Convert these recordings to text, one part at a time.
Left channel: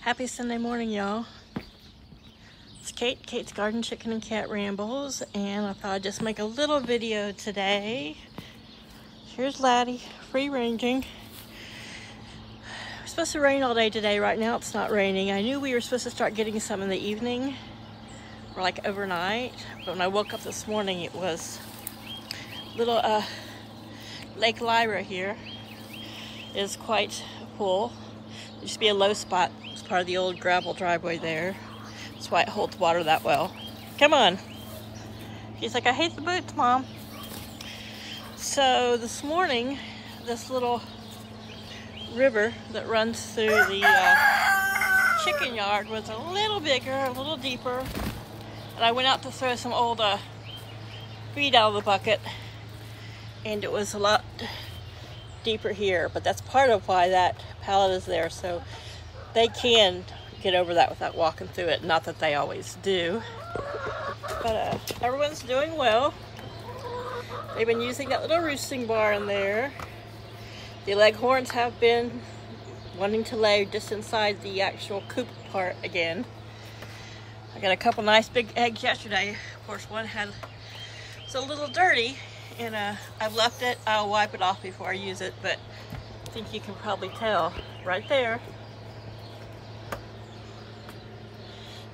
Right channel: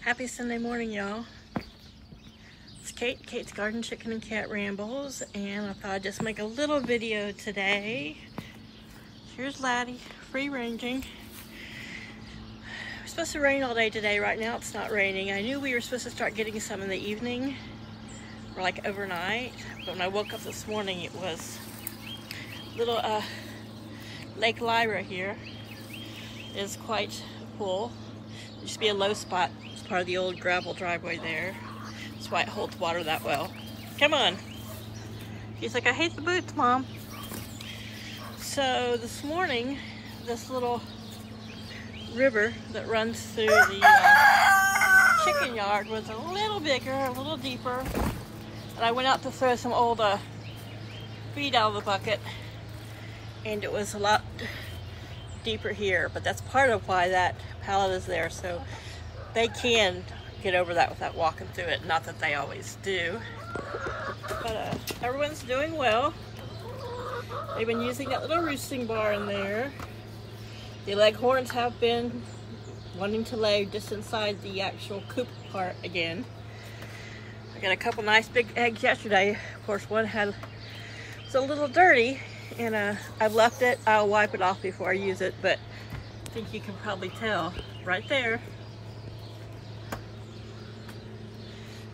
Happy Sunday morning, y'all. It's Kate, Kate's Garden Chicken and Cat Rambles, and I thought I'd just make a little video today. Here's Laddie, free ranging. It's supposed to rain all day today. Right now it's not raining. I knew we were supposed to start getting some in the evening, or like overnight, but when I woke up this morning it was little Lake Lyra here is quite full. There used to be a low spot. It's part of the old gravel driveway there. That's why it holds water that well. Come on. She's like, I hate the boots, Mom. So this morning, this little river that runs through the chicken yard was a little bigger, a little deeper. And I went out to throw some old feed out of the bucket, and it was a lot deeper here, but that's part of why that pallet is there, so they can get over that without walking through it. Not that they always do, but everyone's doing well. They've been using that little roosting bar in there. The leghorns have been wanting to lay just inside the actual coop part again. I got a couple nice big eggs yesterday. Of course, one was a little dirty, and I've left it. I'll wipe it off before I use it, but I think you can probably tell right there.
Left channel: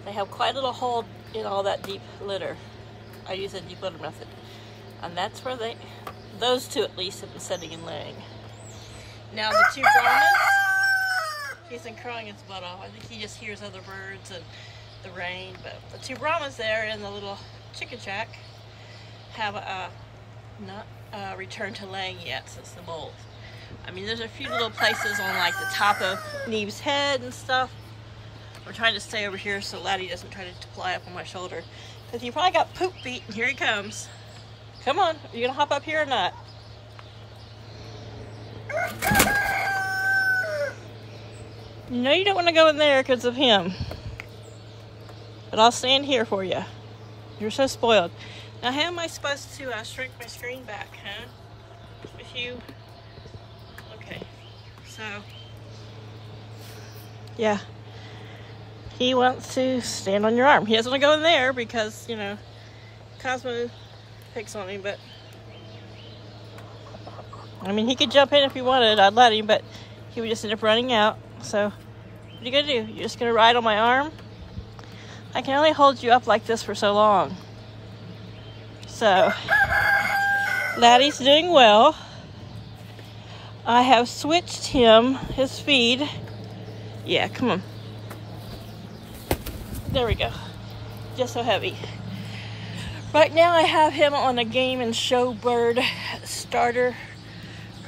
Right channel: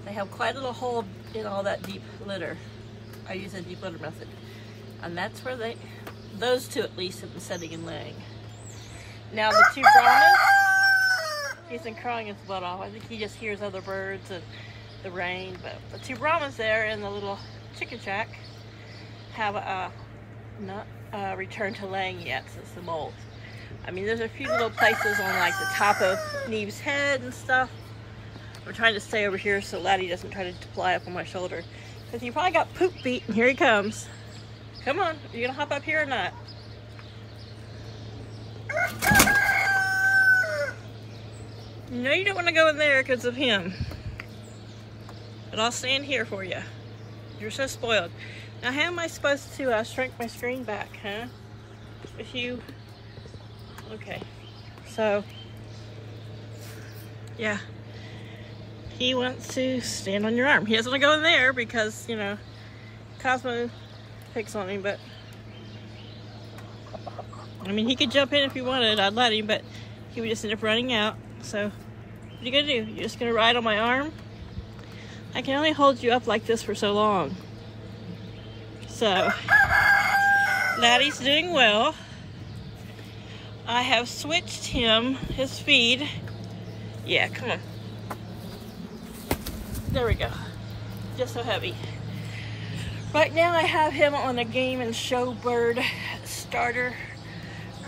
They have quite a little hole in all that deep litter. I use a deep litter method. And that's where those two at least have been sitting and laying. Now the two Brahmas, he's been crying his butt off. I think he just hears other birds and the rain, but the two Brahmas there in the little chicken shack have not returned to laying yet since the molt. I mean, there's a few little places on like the top of Neve's head and stuff. We're trying to stay over here so Laddie doesn't try to fly up on my shoulder, because he probably got poop feet, and here he comes. Come on, are you gonna hop up here or not? You know you don't want to go in there because of him, but I'll stand here for you. You're so spoiled. Now, how am I supposed to shrink my screen back, huh? If you... Okay. So, yeah. He wants to stand on your arm. He doesn't want to go in there because, you know, Cosmo picks on him, but... I mean, he could jump in if he wanted. I'd let him, but he would just end up running out. So, what are you going to do? You're just going to ride on my arm? I can only hold you up like this for so long. So, Laddie's doing well. I have switched him, his feed. Yeah, come on. There we go. Just so heavy. Right now I have him on a Game and Show Bird starter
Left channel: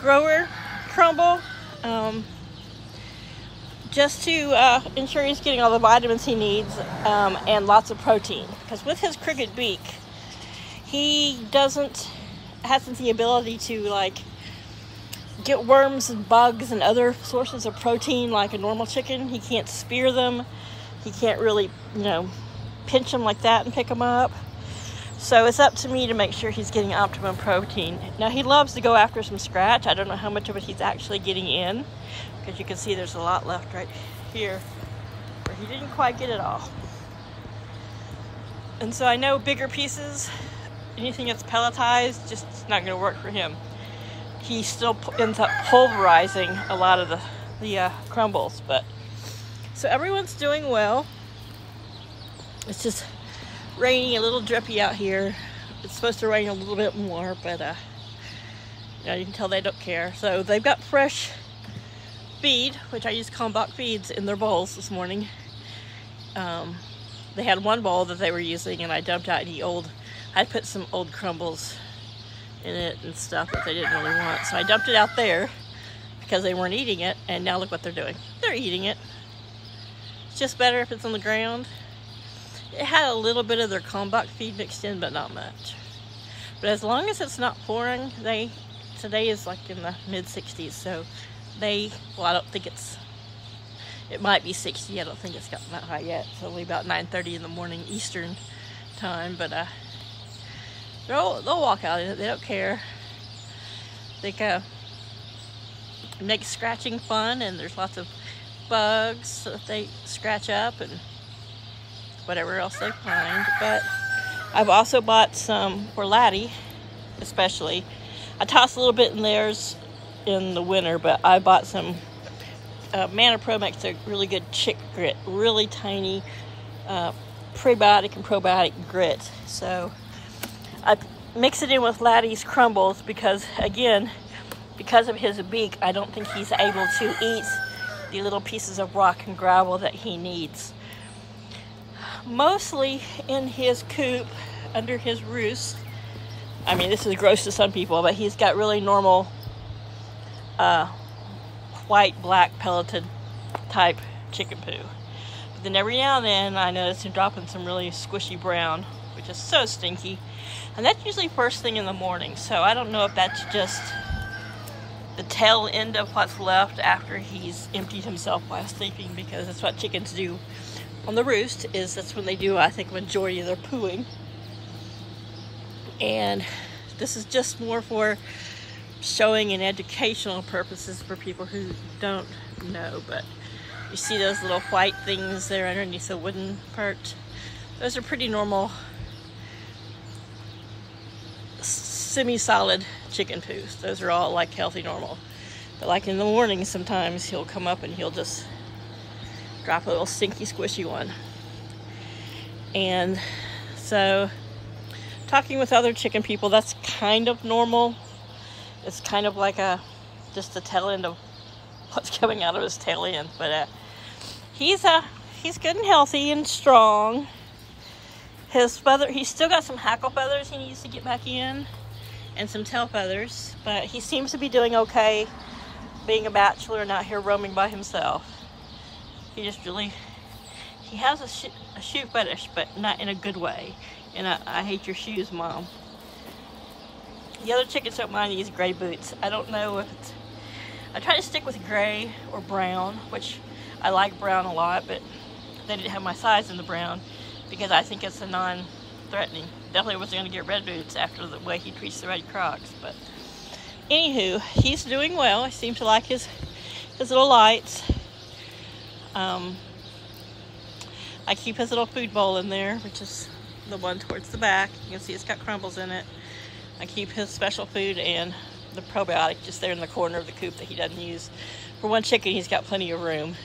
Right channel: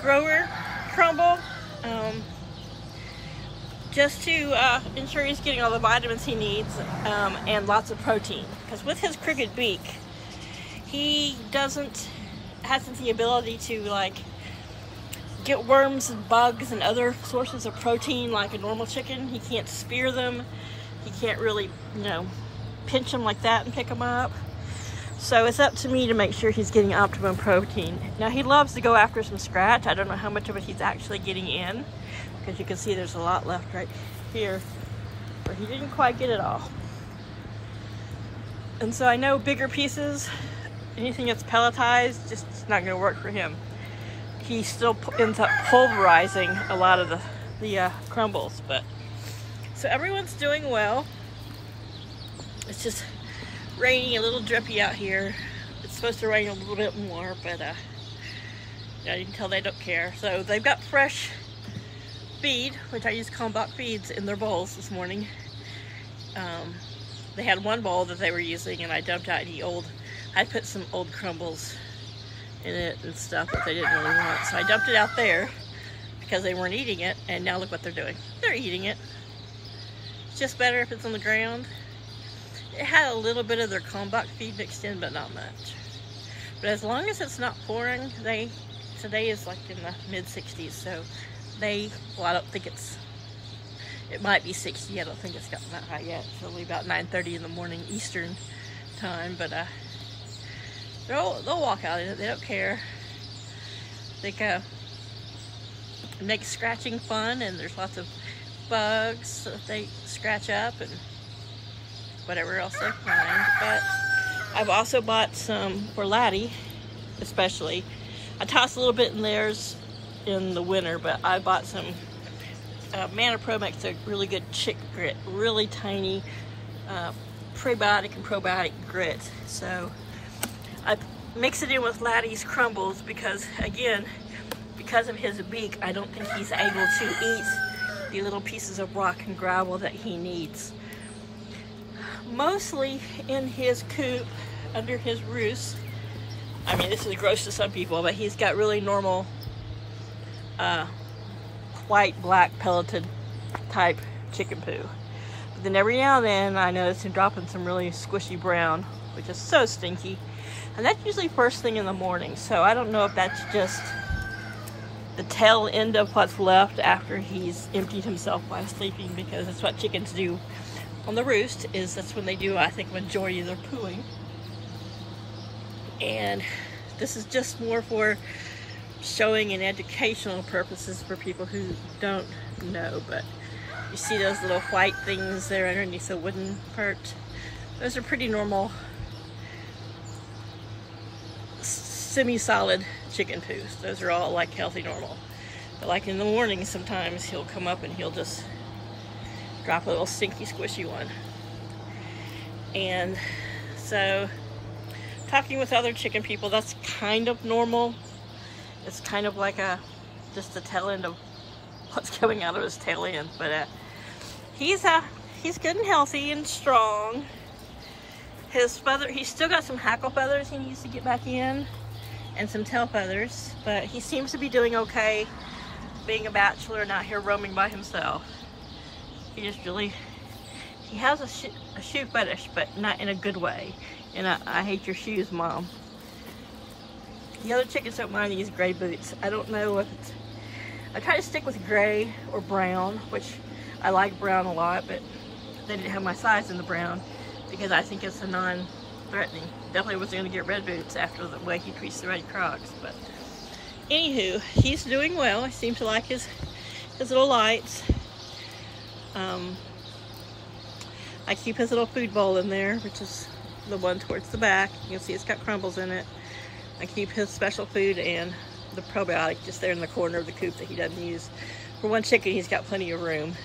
grower, Crumble. Just to ensure he's getting all the vitamins he needs and lots of protein. Because with his crooked beak, he hasn't the ability to like get worms and bugs and other sources of protein like a normal chicken. He can't spear them. He can't really, you know, pinch them like that and pick them up. So it's up to me to make sure he's getting optimum protein. Now he loves to go after some scratch. I don't know how much of it he's actually getting in, because you can see there's a lot left right here where he didn't quite get it all. And so I know bigger pieces, anything that's pelletized, just not going to work for him. He still ends up pulverizing a lot of the crumbles. But so everyone's doing well. It's just raining, a little drippy out here. It's supposed to rain a little bit more, but you know, you can tell they don't care. So they've got fresh feed, which I use Combock feeds, in their bowls this morning. They had one bowl that they were using, and I dumped out I put some old crumbles in it and stuff that they didn't really want. So I dumped it out there because they weren't eating it, and now look what they're doing. They're eating it. It's just better if it's on the ground. It had a little bit of their Combock feed mixed in, but not much. But as long as it's not pouring, today is like in the mid-60s, so well, I don't think it might be 60. I don't think it's gotten that high yet. It's only about 9:30 in the morning Eastern time, but they'll walk out in it. They don't care. They it makes scratching fun, and there's lots of bugs so that they scratch up and whatever else they find. But I've also bought some for Laddie, especially. I toss a little bit in theirs in the winter, but I bought some Mana Pro makes a really good chick grit, really tiny prebiotic and probiotic grit. So I mix it in with Laddie's Crumbles because, again, because of his beak, I don't think he's able to eat the little pieces of rock and gravel that he needs. Mostly in his coop, under his roost. I mean, this is gross to some people, but he's got really normal white, black, pelleted type chicken poo. But then every now and then I notice him dropping some really squishy brown, which is so stinky. And that's usually first thing in the morning. So I don't know if that's just the tail end of what's left after he's emptied himself while sleeping, because that's what chickens do on the roost, is that's when they do, I think, majority of their pooing. And this is just more for showing and educational purposes for people who don't know. But you see those little white things there underneath the wooden perch? Those are pretty normal semi-solid chicken poos. Those are all like healthy normal. But like in the morning, sometimes he'll come up and he'll just drop a little stinky squishy one. And so talking with other chicken people, that's kind of normal. It's kind of like just the tail end of what's coming out of his tail end. But he's good and healthy and strong. His feather, he's still got some hackle feathers he needs to get back in, and some tail feathers, but he seems to be doing okay being a bachelor and out here roaming by himself. He just really, he has a shoe fetish, but not in a good way. And I hate your shoes, Mom. The other chickens don't mind these gray boots. I don't know if it's, I try to stick with gray or brown, which I like brown a lot, but they didn't have my size in the brown because I think it's a non-threatening. Definitely wasn't going to get red boots after the way he treats the red Crocs. But anywho, he's doing well. He seems to like his little lights. I keep his little food bowl in there, which is the one towards the back. You can see it's got crumbles in it. I keep his special food and the probiotic just there in the corner of the coop that he doesn't use. For one chicken, he's got plenty of room.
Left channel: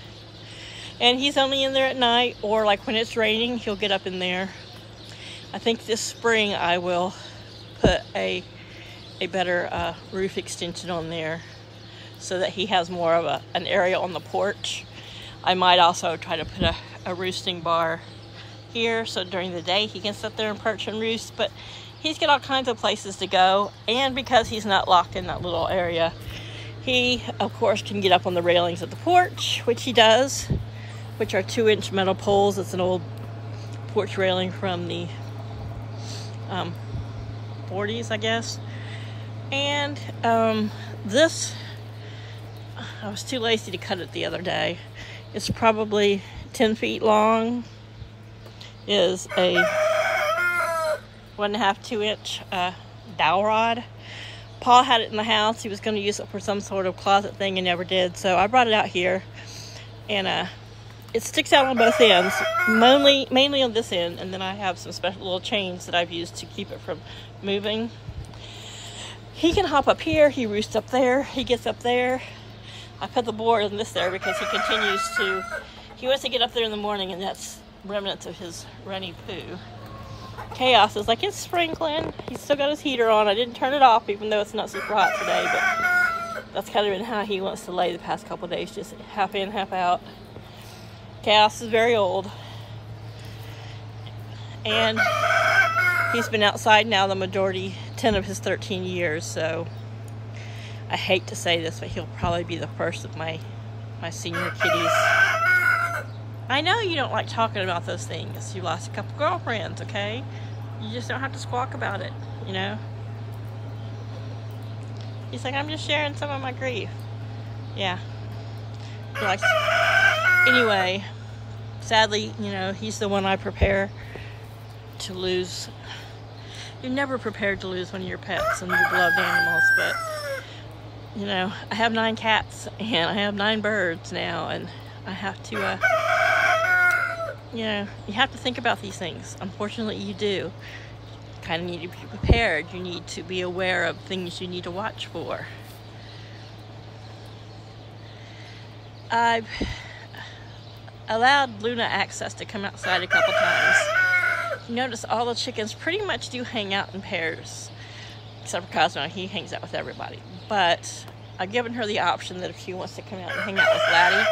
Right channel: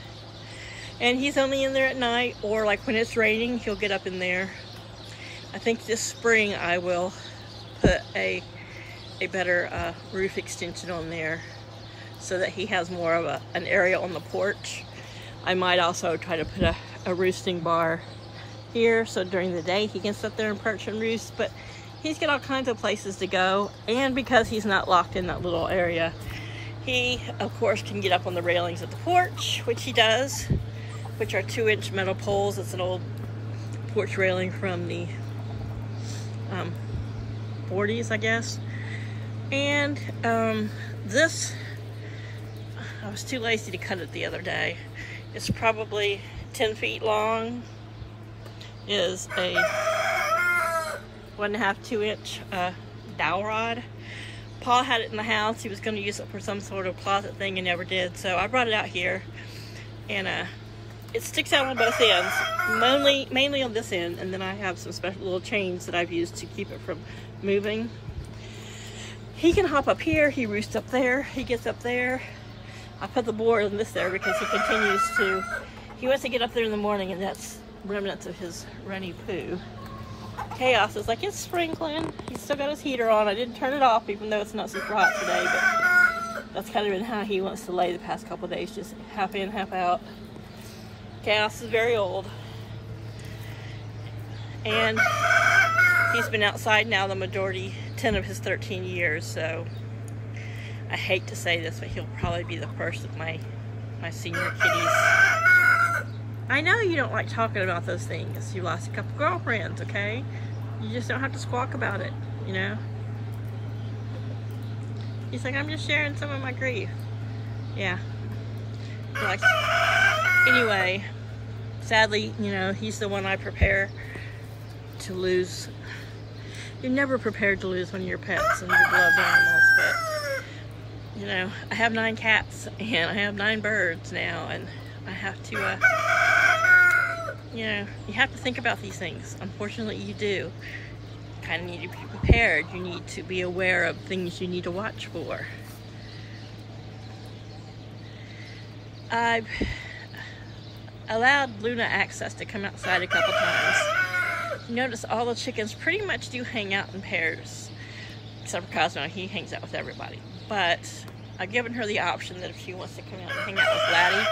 And he's only in there at night, or like when it's raining, he'll get up in there. I think this spring I will put a better roof extension on there so that he has more of an area on the porch. I might also try to put a roosting bar here so during the day he can sit there and perch and roost. But he's got all kinds of places to go, and because he's not locked in that little area, he of course can get up on the railings of the porch, which he does, which are 2-inch metal poles. It's an old porch railing from the 40s, I guess. And this, I was too lazy to cut it the other day. It's probably 10 feet long. Is a 1.5 to 2-inch dowel rod. Paul had it in the house. He was going to use it for some sort of closet thing and never did. So I brought it out here, and it sticks out on both ends, mainly on this end, and then I have some special little chains that I've used to keep it from moving. He can hop up here, he roosts up there, he gets up there. I put the board in this there because he continues to, he wants to get up there in the morning, and that's remnants of his runny poo. Chaos is like, it's sprinkling. He's still got his heater on. I didn't turn it off even though it's not super hot today, but that's kind of been how he wants to lay the past couple days, just half in, half out. Chaos is very old, and he's been outside now the majority, 10 of his 13 years, so I hate to say this, but he'll probably be the first of my senior kitties. I know you don't like talking about those things. You lost a couple girlfriends, okay? You just don't have to squawk about it, you know? He's like, I'm just sharing some of my grief. Yeah. Like, anyway, sadly, you know, he's the one I prepare to lose. You're never prepared to lose one of your pets and your beloved animals, but you know, I have 9 cats and I have 9 birds now, and I have to, you know, you have to think about these things. Unfortunately, you do. You kind of need to be prepared. You need to be aware of things you need to watch for. I've allowed Luna access to come outside a couple times. You notice all the chickens pretty much do hang out in pairs, except for Cosmo. He hangs out with everybody. But I've given her the option that if she wants to come out and hang out with Laddie.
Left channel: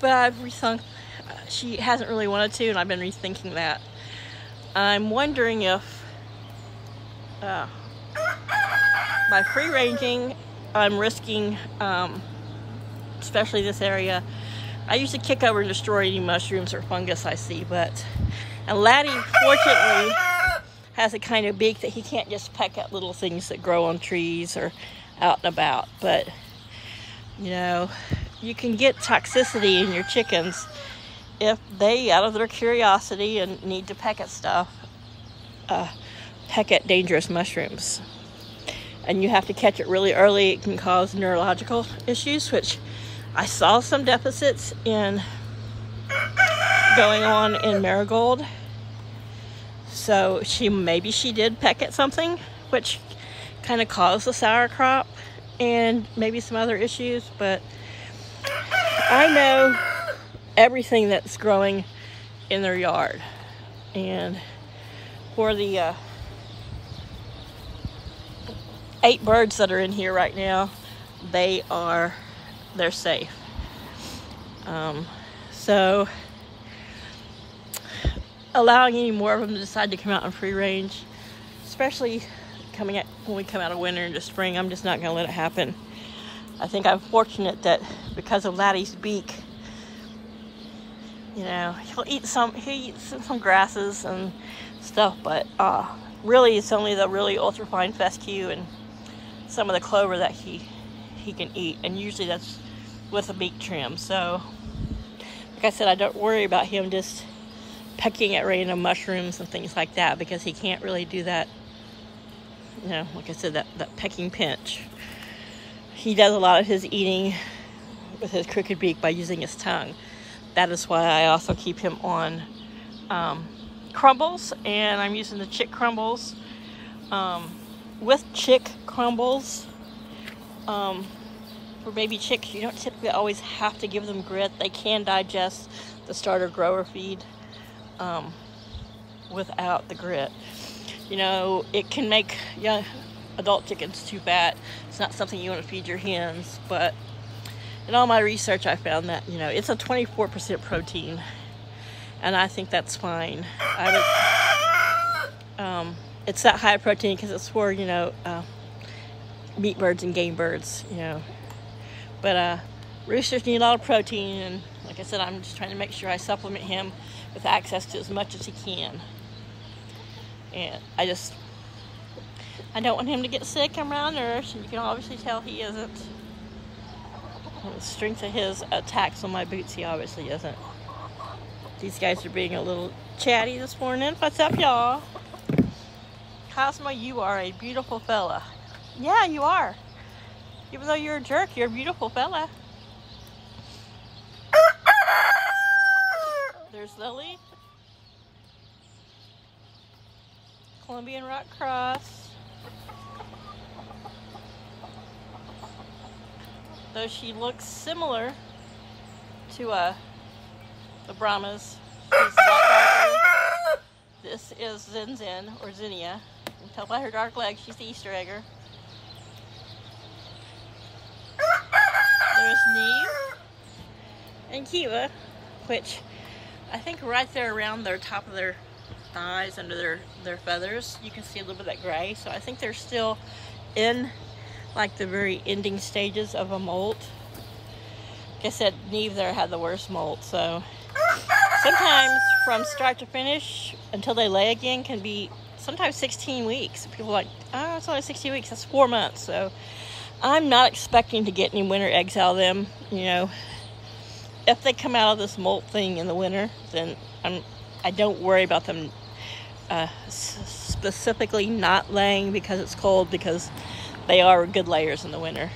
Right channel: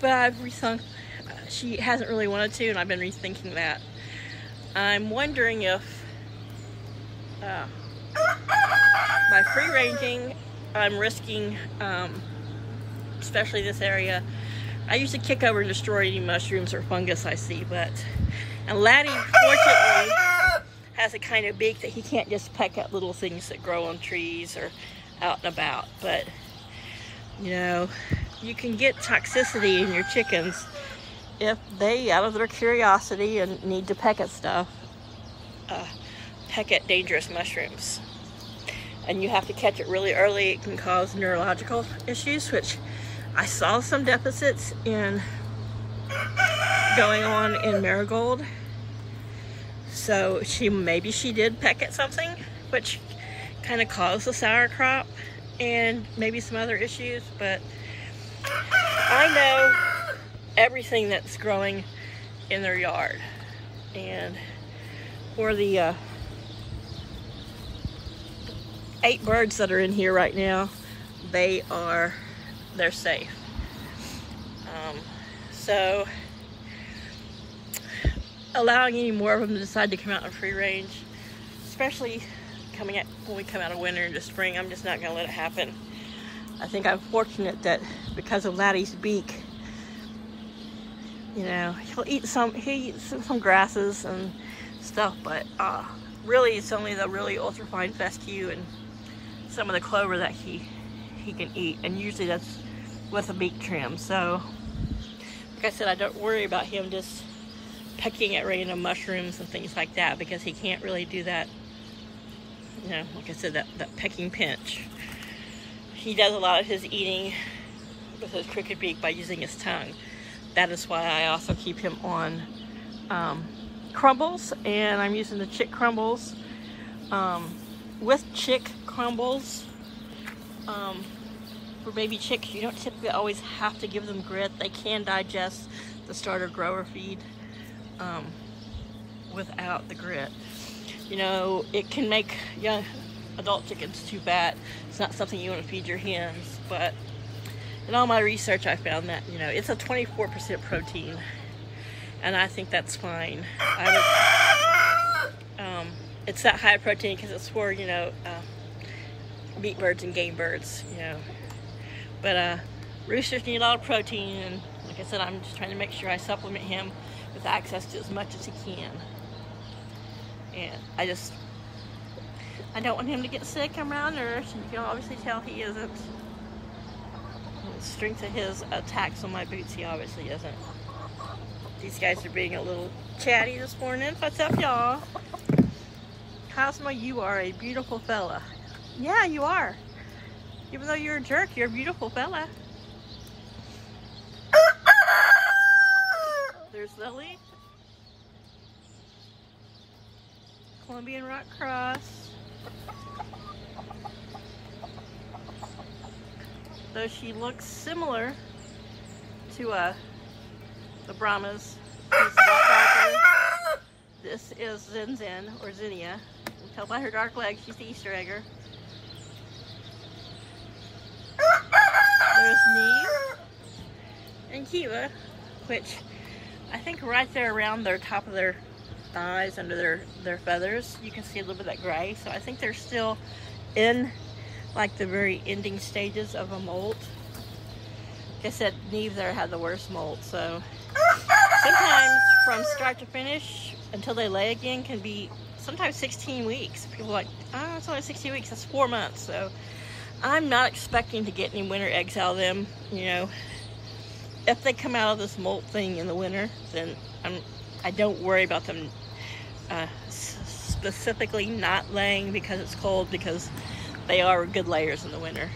But I've rethunk. She hasn't really wanted to, and I've been rethinking that. I'm wondering if by free ranging, I'm risking, especially this area. I usually kick over and destroy any mushrooms or fungus I see, and Laddie, fortunately, has a kind of beak that he can't just peck at little things that grow on trees or out and about. But, you know, you can get toxicity in your chickens if they, out of their curiosity and need to peck at stuff, peck at dangerous mushrooms. And you have to catch it really early. It can cause neurological issues, which I saw some deficits in going on in Marigold. So maybe she did peck at something, which kind of caused the sour crop and maybe some other issues. But I know everything that's growing in their yard, and for the 8 birds that are in here right now, they're safe. So allowing any more of them to decide to come out in free range, especially when we come out of winter into spring, I'm just not going to let it happen. I think I'm fortunate that because of Laddie's beak, you know, he eats some grasses and stuff, but really it's only the really ultrafine fescue and some of the clover that he can eat, and usually that's with a beak trim. So like I said, I don't worry about him just pecking at random mushrooms and things like that, because he can't really do that, you know, like I said, that pecking pinch. He does a lot of his eating with his crooked beak by using his tongue. That is why I also keep him on crumbles, and I'm using the chick crumbles. With chick crumbles, for baby chicks, you don't typically always have to give them grit. They can digest the starter grower feed without the grit. You know, it can make young adult chickens too fat. It's not something you want to feed your hens, but in all my research, I found that, you know, it's a 24% protein, and I think that's fine. It's that high protein because it's for, you know, meat birds and game birds, you know. But roosters need a lot of protein, and like I said, I'm just trying to make sure I supplement him with access to as much as he can. And I don't want him to get sick. I'm malnourished, and you can obviously tell he isn't. The strength of his attacks on my boots, he obviously isn't. These guys are being a little chatty this morning. What's up, y'all? Cosmo, you are a beautiful fella. Yeah, you are. Even though you're a jerk, you're a beautiful fella. There's Lily. Colombian Rock Cross. Though she looks similar to the Brahmas, she's a lot darker. This is Zen Zen, or Zinnia. You can tell by her dark legs, she's the Easter egger. There's Neve and Kiva, which I think right there around their top of their thighs, under their feathers, you can see a little bit of that gray. So I think they're still in like the very ending stages of a molt. Like I said, Neve there had the worst molt. So sometimes from start to finish until they lay again can be sometimes 16 weeks. People are like, oh, it's only 16 weeks, that's 4 months. So I'm not expecting to get any winter eggs out of them. You know, if they come out of this molt thing in the winter, then I don't worry about them specifically not laying because it's cold, because they are good layers in the winter.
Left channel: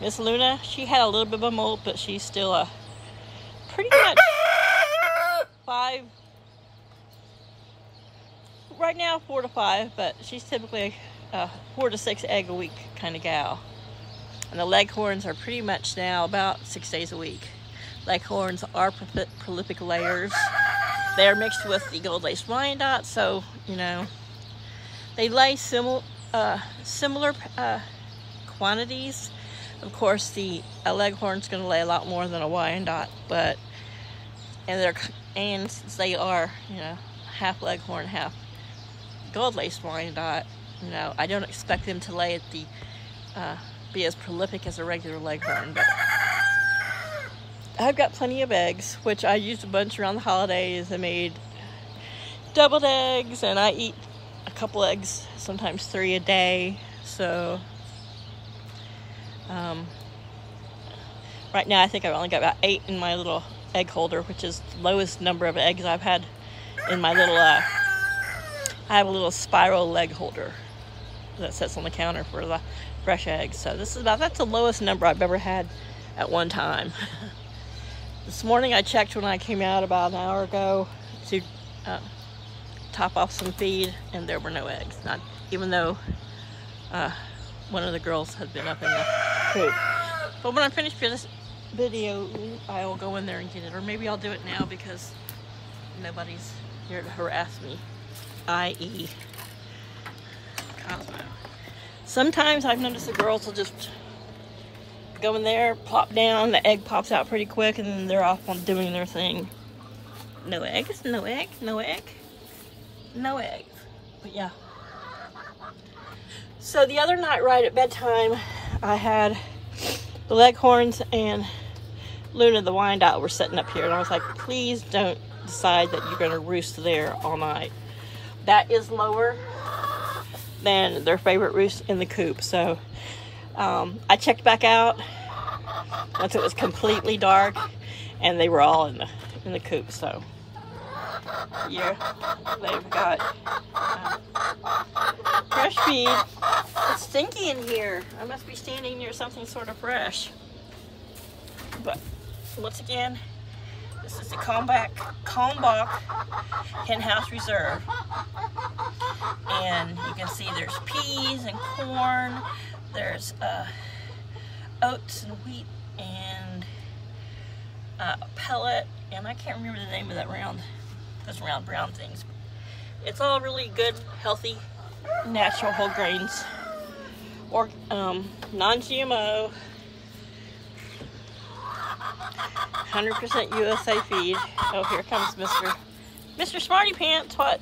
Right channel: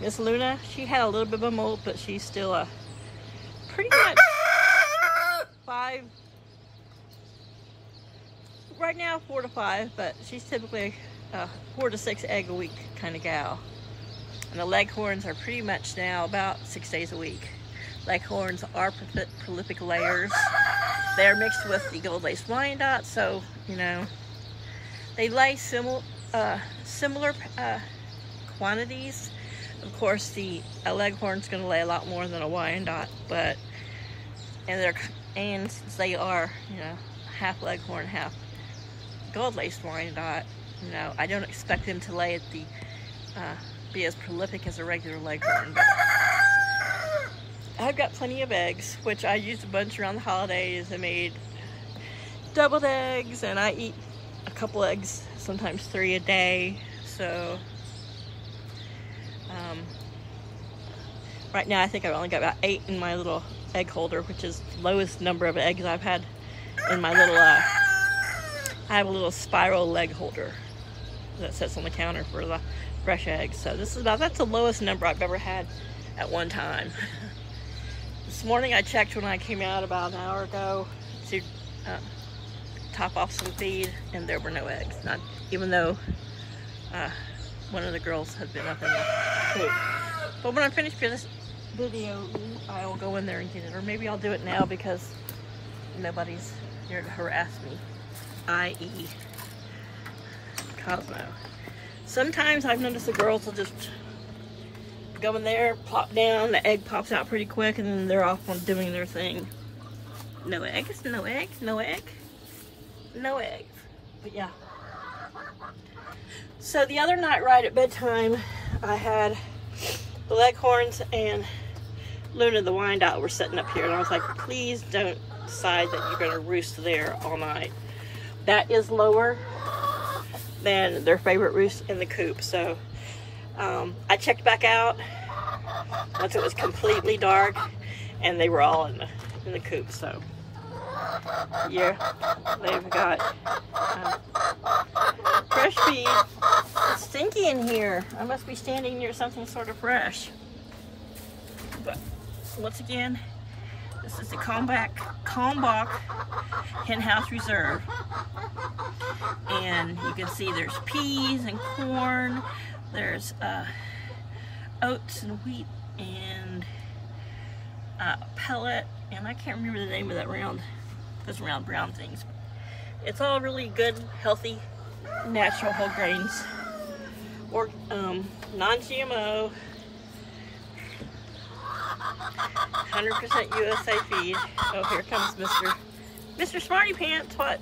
Miss Luna, she had a little bit of a molt, but she's still pretty much 5, right now 4 to 5, but she's typically 4 to 6 egg a week kind of gal. And the leghorns are pretty much now about 6 days a week. Leghorns are prolific layers. They're mixed with the gold lace Wyandotte, so you know they lay similar quantities. Of course, the leghorn's going to lay a lot more than a Wyandotte, but and since they are, you know, half leghorn, half gold lace Wyandotte, you know, I don't expect them to lay at the be as prolific as a regular leghorn. But I've got plenty of eggs, which I used a bunch around the holidays. I made deviled eggs, and I eat a couple eggs, sometimes 3 a day. So right now I think I've only got about 8 in my little egg holder, which is the lowest number of eggs I've had in my little I have a little spiral egg holder that sits on the counter for the fresh eggs. So this is that's the lowest number I've ever had at one time. This morning I checked when I came out about an hour ago to top off some feed, and there were no eggs. Not even though one of the girls had been up in the coop. But when I finish this video, I'll go in there and get it. Or maybe I'll do it now because nobody's here to harass me, i.e. Cosmo. Sometimes I've noticed the girls will just go in there, plop down, the egg pops out pretty quick, and then they're off on doing their thing. No eggs, no egg, no egg, no eggs. But yeah. So the other night right at bedtime, I had the leghorns and Luna the Wyandotte were sitting up here, and I was like, please don't decide that you're gonna roost there all night. That is lower than their favorite roost in the coop. So I checked back out once it was completely dark, and they were all in the coop. So yeah, they've got fresh feed. It's stinky in here. I must be standing near something sort of fresh. But once again, this is the Kalmbach Hen House Reserve. And you can see there's peas and corn, there's oats and wheat and pellet, and I can't remember the name of those round brown things. It's all really good, healthy, natural whole grains, or non-GMO, 100% USA feed. Oh, here comes Mr. Smarty Pants. What?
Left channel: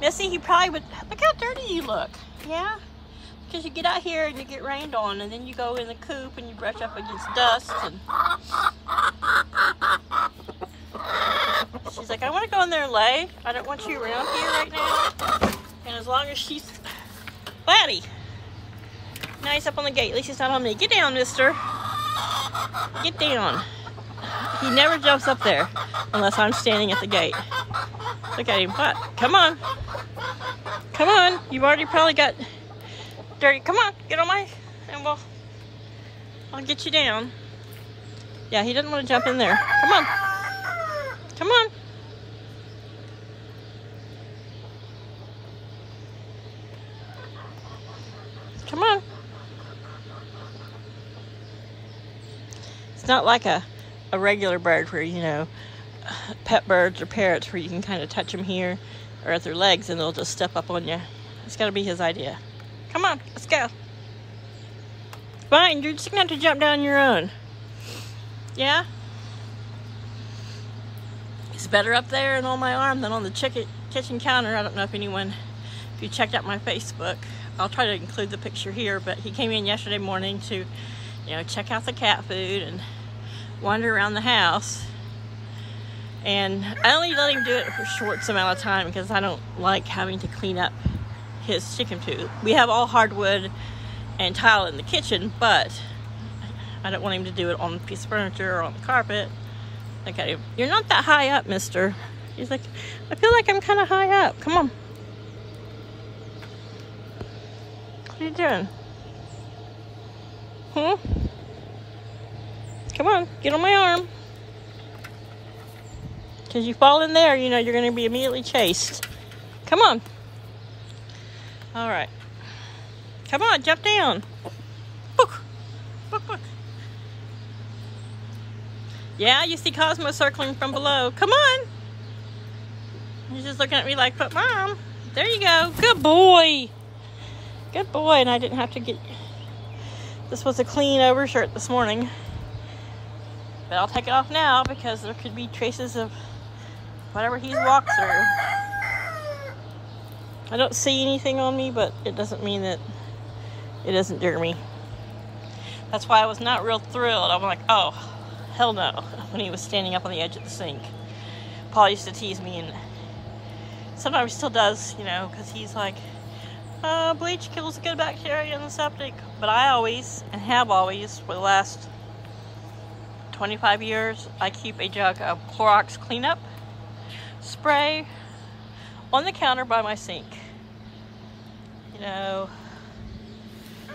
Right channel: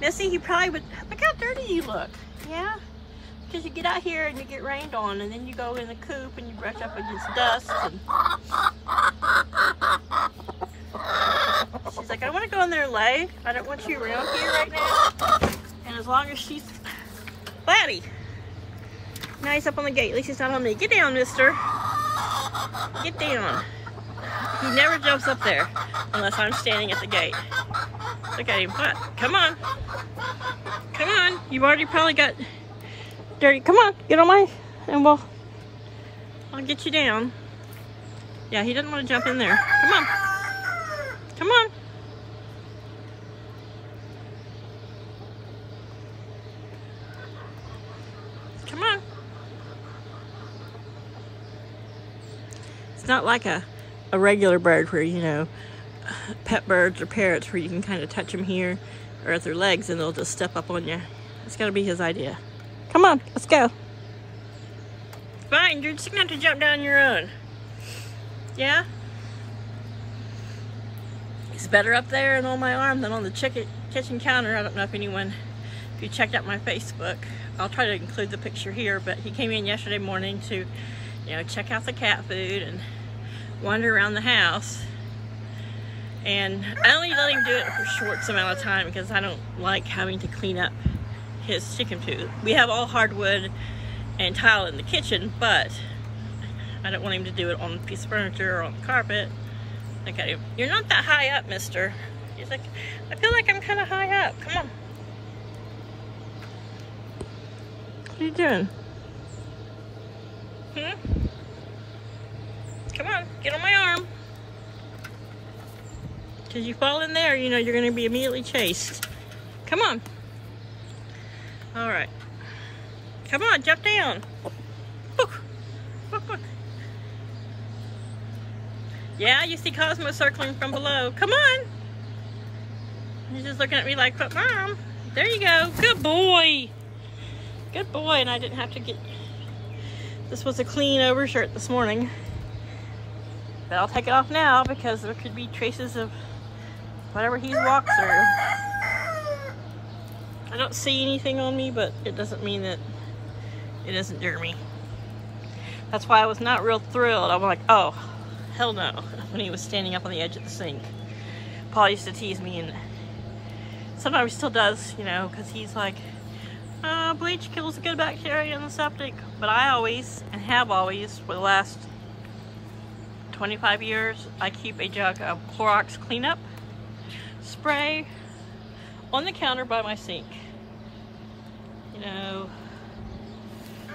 Missy, he probably would. Look how dirty you look. Yeah? Because you get out here and you get rained on, and then you go in the coop and you brush up against dust. And she's like, I want to go in there and lay. I don't want you around here right now. And as long as she's... Laddie! Now he's up on the gate. At least he's not on me. Get down, mister. Get down. He never jumps up there unless I'm standing at the gate. Look at him. What? Come on. Come on. You've already probably got dirty. Come on. Get on my... and I'll get you down. Yeah, he doesn't want to jump in there. Come on. Come on. Come on. It's not like a regular bird where, you know, pet birds or parrots where you can kind of touch them here or at their legs and they'll just step up on you. It's got to be his idea. Come on, let's go. Fine, you're just going to have to jump down your own. Yeah? It's better up there and on my arm than on the kitchen counter. I don't know if you checked out my Facebook. I'll try to include the picture here, but he came in yesterday morning to, you know, check out the cat food and wander around the house. And I only let him do it for a short amount of time because I don't like having to clean up his chicken food. We have all hardwood and tile in the kitchen, but I don't want him to do it on a piece of furniture or on the carpet. Look at him. You're not that high up, mister. He's like, I feel like I'm kind of high up. Come on. What are you doing? Huh? Come on, get on my arm. Because you fall in there, you know you're going to be immediately chased. Come on. All right. Come on, jump down. Look. Look, look. Yeah, you see Cosmo circling from below. Come on. He's just looking at me like, but Mom, there you go. Good boy. Good boy. And I didn't have to get... This was a clean overshirt this morning. But I'll take it off now because there could be traces of whatever he's walked through. I don't see anything on me, but it doesn't mean that it isn't dirty. That's why I was not real thrilled. I'm like, oh, hell no, when he was standing up on the edge of the sink. Paul used to tease me, and sometimes he still does, you know, because he's like, bleach kills the good bacteria in the septic. But I always, and have always, for the last 25 years, I keep a jug of Clorox cleanup spray on the counter by my sink. You know,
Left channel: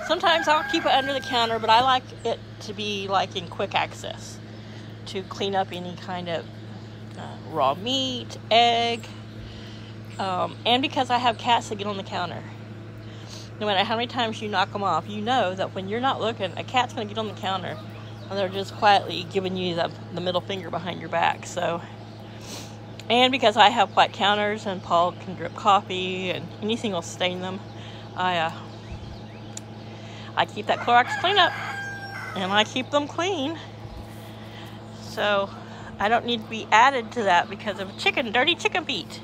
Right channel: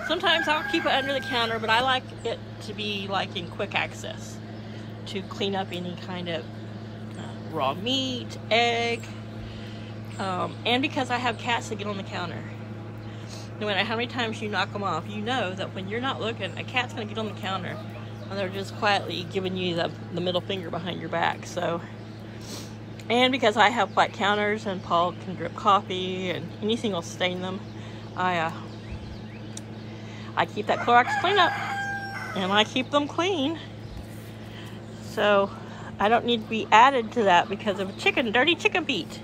sometimes I'll keep it under the counter, but I like it to be like in quick access to clean up any kind of raw meat, egg, and because I have cats that get on the counter. No matter how many times you knock them off, you know that when you're not looking, a cat's going to get on the counter and they're just quietly giving you the middle finger behind your back. So, and because I have white counters and Paul can drip coffee and anything will stain them, I keep that Clorox cleanup and I keep them clean. So I don't need to be added to that because of a dirty chicken feet.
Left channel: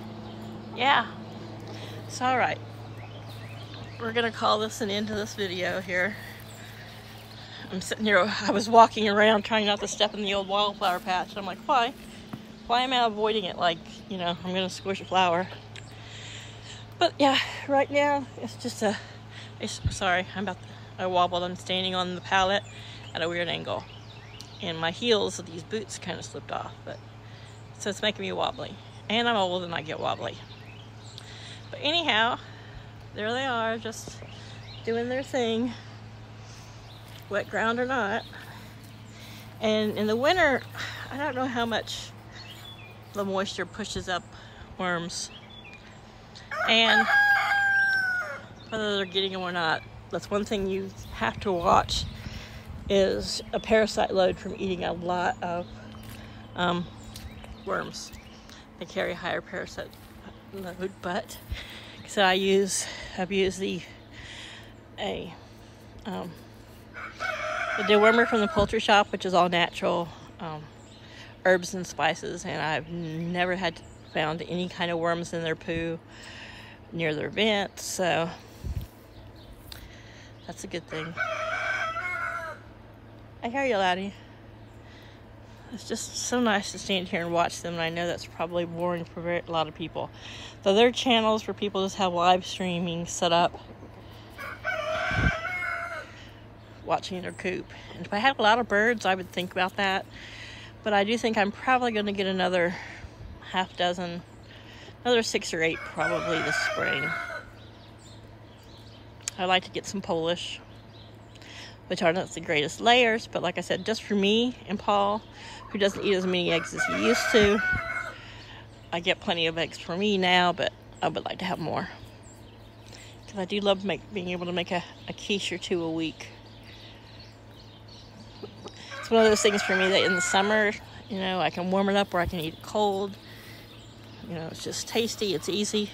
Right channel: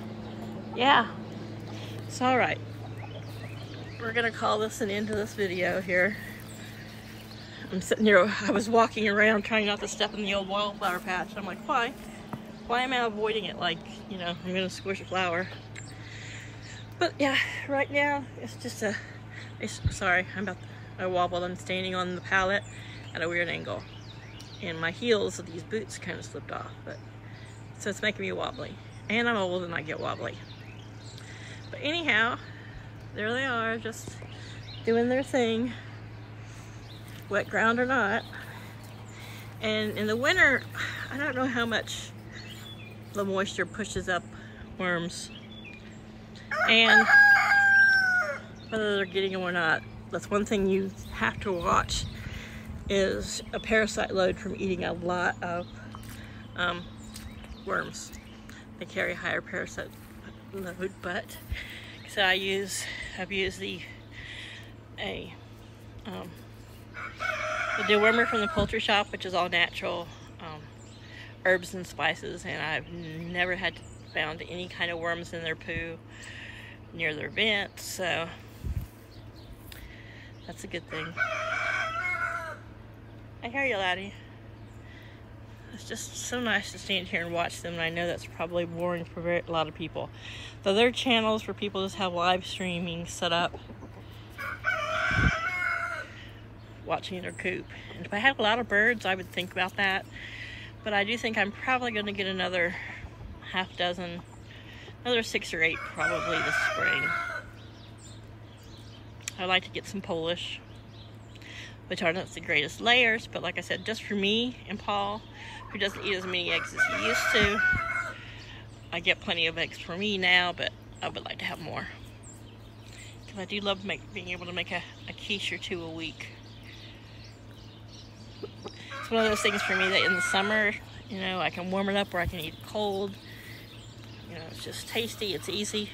Yeah. It's all right. We're gonna call this an end to this video here. I'm sitting here, I was walking around trying not to step in the old wildflower patch. I'm like, why? Why am I avoiding it? Like, you know, I'm gonna squish a flower. But yeah, right now it's just sorry, I wobbled. I'm standing on the pallet at a weird angle. And my heels of these boots kind of slipped off, so it's making me wobbly. And I'm old and I get wobbly. But anyhow, there they are, just doing their thing, wet ground or not. And in the winter, I don't know how much the moisture pushes up worms and whether they're getting them or not. That's one thing you have to watch, is a parasite load from eating a lot of worms. They carry a higher parasite load, but so I've used the dewormer from the poultry shop, which is all natural herbs and spices, and I've never found any kind of worms in their poo near their vent, so that's a good thing. I hear you, Laddie. It's just so nice to stand here and watch them, and I know that's probably boring for a lot of people. Though there are channels where people just have live streaming set up, watching their coop. And if I have a lot of birds, I would think about that. But I do think I'm probably going to get another half dozen, another 6 or 8 probably this spring. I like to get some Polish, which aren't the greatest layers, but like I said, just for me and Paul, who doesn't eat as many eggs as he used to, I get plenty of eggs for me now, but I would like to have more. Because I do love being able to make a quiche or 2 a week. It's one of those things for me that in the summer, you know, I can warm it up or I can eat it cold. You know, it's just tasty, it's easy.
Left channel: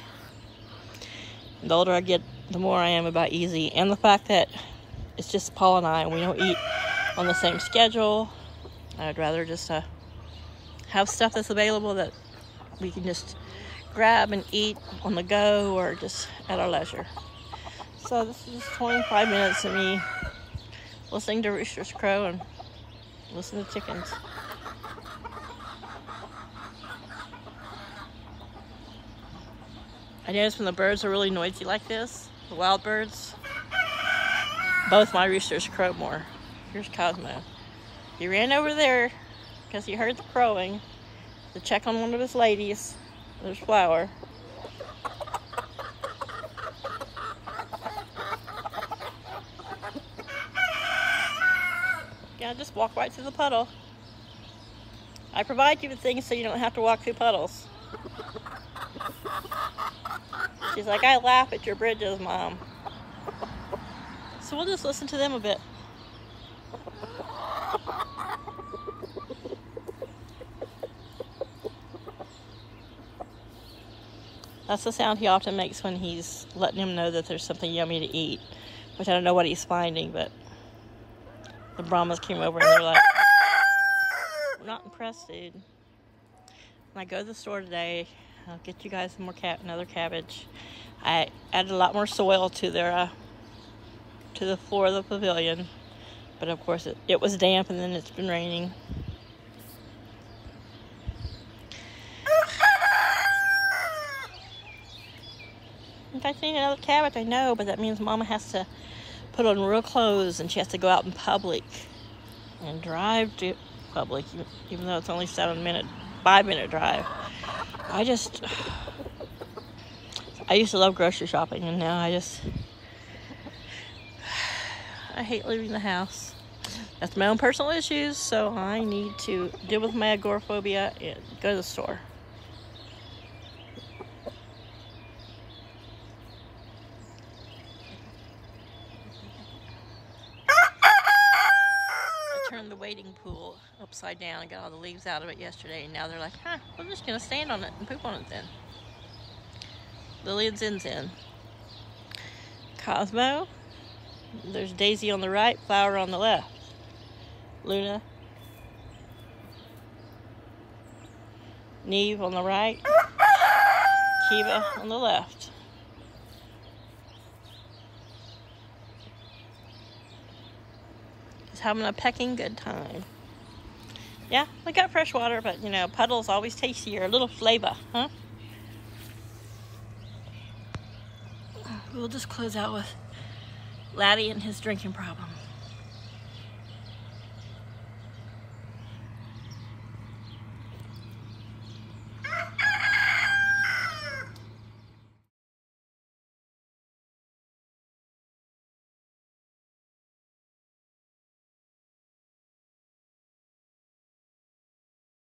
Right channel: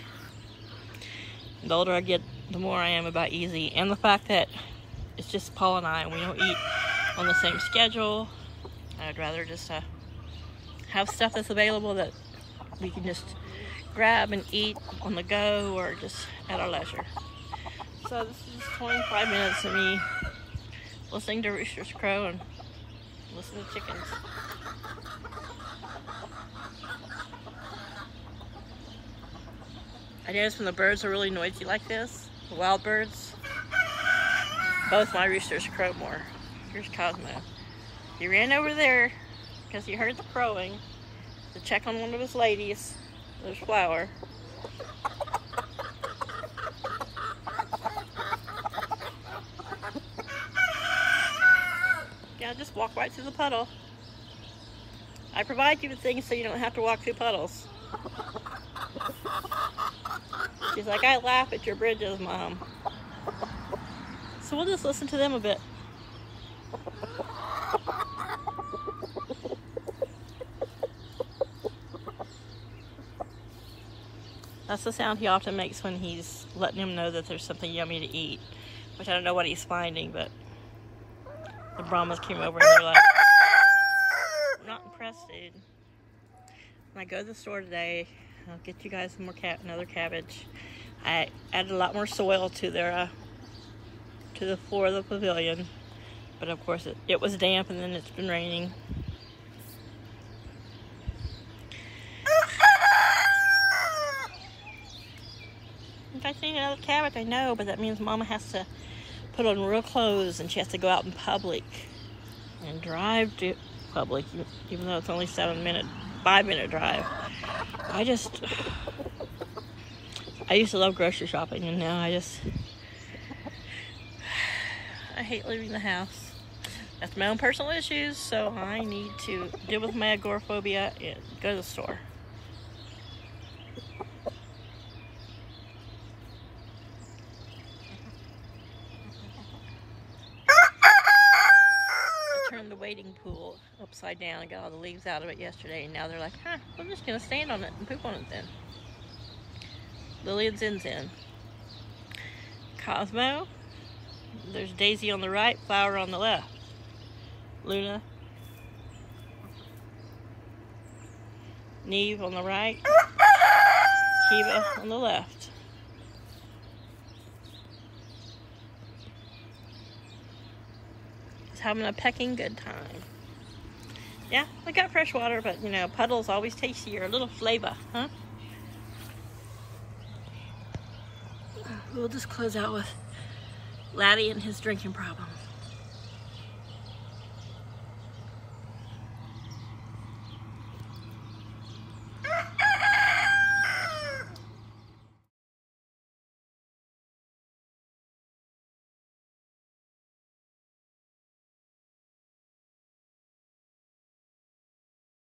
The older I get, the more I am about easy. And the fact that it's just Paul and I, and we don't eat on the same schedule. I'd rather just have stuff that's available that we can just grab and eat on the go or just at our leisure. So this is just 25 minutes of me listening to roosters crow and listening to chickens. I notice when the birds are really noisy like this, the wild birds, both my roosters crow more. Here's Cosmo. He ran over there because he heard the crowing to check on one of his ladies. There's Flower. just walk right through the puddle. I provide you with things so you don't have to walk through puddles. She's like, I laugh at your bridges, Mom. So we'll just listen to them a bit. That's the sound he often makes when he's letting him know that there's something yummy to eat. Which I don't know what he's finding, but the Brahmas came over and they're like, we're not impressed, dude. When I go to the store today, I'll get you guys some more another cabbage. I added a lot more soil to their to the floor of the pavilion, but of course it was damp and then it's been raining. In fact, I need another cabbage, I know, but that means Mama has to put on real clothes and she has to go out in public and drive to public, even though it's only 5-minute drive. I used to love grocery shopping, and now I hate leaving the house. That's my own personal issues, so I need to deal with my agoraphobia and go to the store. The wading pool upside down and got all the leaves out of it yesterday, and now they're like, huh, we're just gonna stand on it and poop on it then. Lily and Zin's in. Cosmo, there's Daisy on the right, Flower on the left. Luna, Neve on the right, Kiva on the left. Having a pecking good time. Yeah, we got fresh water, but you know, puddles always tastier, a little flavor, huh? We'll just close out with Laddie and his drinking problem.